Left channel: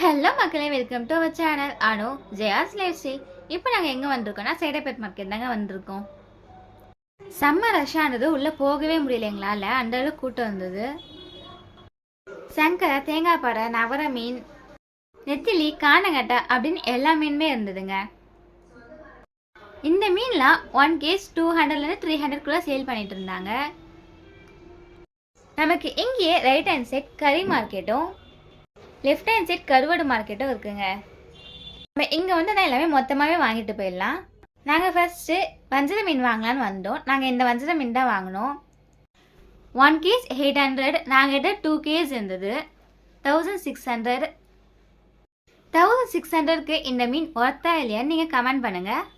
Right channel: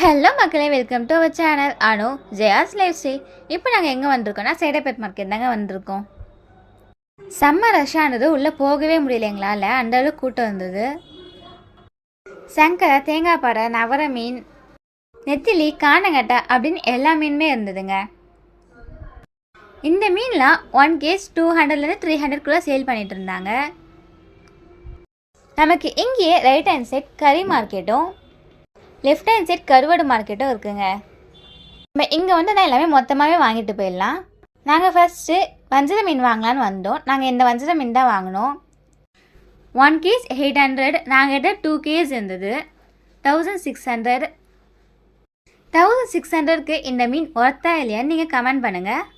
Hello மக்களே, welcome to our channel Anu Jaya's lifestyle. இப்போ நாங்கள் எங்கே வந்திருக்கோம்னா சைதாப்பேட் மார்க்கெட் தாங்க வந்திருக்கோம். செம்ம ரஷ்ஷானது, உள்ளே போகவே முடியல எங்களால், அந்த அளவுக்கு கூட்டம் வந்தது. சங்கரை, தேங்காய் பாறை, நவர மீன், நெத்திலி, காணங்கட்டை அப்படின்னு எல்லா மீனுமே இருந்ததுங்க. இந்த மீன்லாம் 1 kg 200லேருந்து 300 சேல் பண்ணிட்டு இருந்தாங்க. நமக்கு இங்கேயே ரைட் ஹேண்ட் சைட் கறி மார்க்கெட்டும் லெஃப்ட் ஹேண்ட் சைட் கருவாடு மார்க்கெட்டும் இருக்குங்க. நம்ம இங்கே வந்து நான் எல்லாமே மொத்தமாகவே வாங்கிட்டு போயிடலாம். நாங்கள் ஃபஸ்ட்டு வஞ்சர மீன் வாங்கலான்னு வந்தோம். நாங்கள் இந்த வஞ்சர மீன் தான் வாங்கினோம். 1 kg 800, நாங்கள் 2 kg இருந்தது 1600. 1600க்கு இந்த மீன் ஒர்த்தா இல்லையான்னு நீங்கள் கமெண்ட் பண்ணுங்கள்.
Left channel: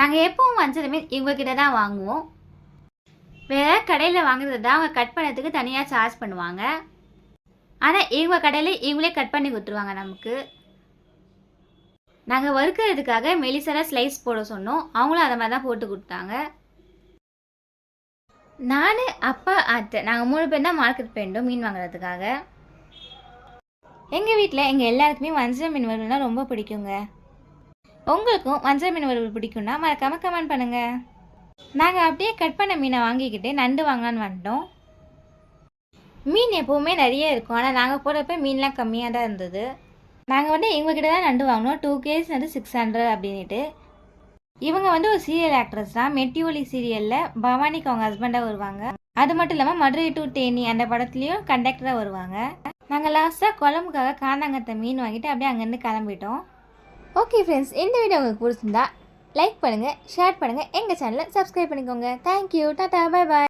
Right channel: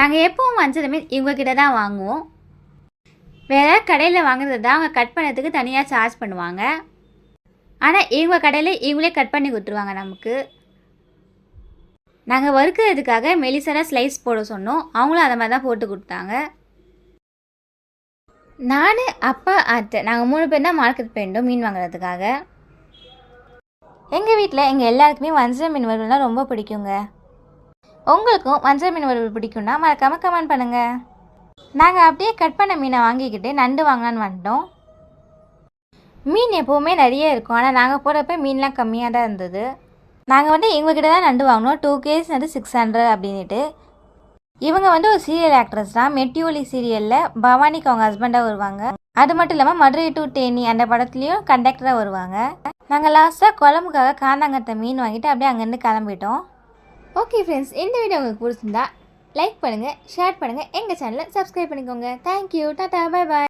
நாங்கள் எப்பவும் வஞ்சர மீன் இவங்கக்கிட்ட தான் வாங்குவோம். வேறு கடையில் வாங்குறது தான் அவங்க கட் பண்ணுறதுக்கு தனியாக சார்ஜ் பண்ணுவாங்க. ஆனால் இவங்க கடையில் இவங்களே கட் பண்ணி கொடுத்துருவாங்க நமக்கு. நாங்கள் வறுக்கிறதுக்காக மெலிசான ஸ்லைஸ் போட சொன்னோம். அவங்களும் அதை மாதிரி தான் போட்டு கொடுத்தாங்க. நான், அப்பா, அத்தை நாங்கள் 3 பேர் தான் மார்க்கெட் போயிருந்தோம் மீன் வாங்குறதுக்காக. எங்கள் வீட்டில் எங்கள் எல்லாருக்குமே வஞ்சர மீன் வறுவல்னா ரொம்ப பிடிக்குங்க. உங்களுக்கும் வஞ்சர மீன் வறுவல் பிடிக்கும்னா மறக்காமல் கமெண்ட் பண்ணுங்கள். நாங்கள் அப்படியே கட் பண்ண மீனை வாங்கிக்கிட்டு நண்டு வாங்கலான்னு வந்துட்டோம். மீன் எப்போவுமே நிறைய இருக்கும், ஆனால் நாங்கள் போகிறப்ப மீன்லாம் கம்மியாக தான் இருந்தது. நாங்கள் வந்து இவங்ககிட்ட தான் நண்டு வாங்கினோம். 2 kg வந்து 600 அப்படின்ட்டு. இவங்க வந்து ஒரு சீரியல் ஆக்ட்ரஸ் தான். மெட்டிஒலி சீரியலில் பவானிக்கு அவங்க ஹஸ்பண்டாக வருவாங்க. அது மட்டும் இல்லாமல் மதுரை டு தேனி அந்த படத்துலேயும் கண்டக்டராக வருவாங்க. நாங்கள் லாஸ்ட்டாக குழம்புக்காக காந்தாங்கத்தை மீன் வாங்கிட்டு அப்படியே அங்கேருந்து கிளம்பிட்டோம். ஓகே ஃப்ரெண்ட்ஸ், இந்த வீடியோ உங்களுக்கு பிடிச்சிருந்தா லைக் பண்ணுங்கள், ஷேர் பண்ணுங்கள், எங்கள் சேனலை சப்ஸ்கிரைப் பண்ணிக்கோங்க. Thank you, Tata, bye bye.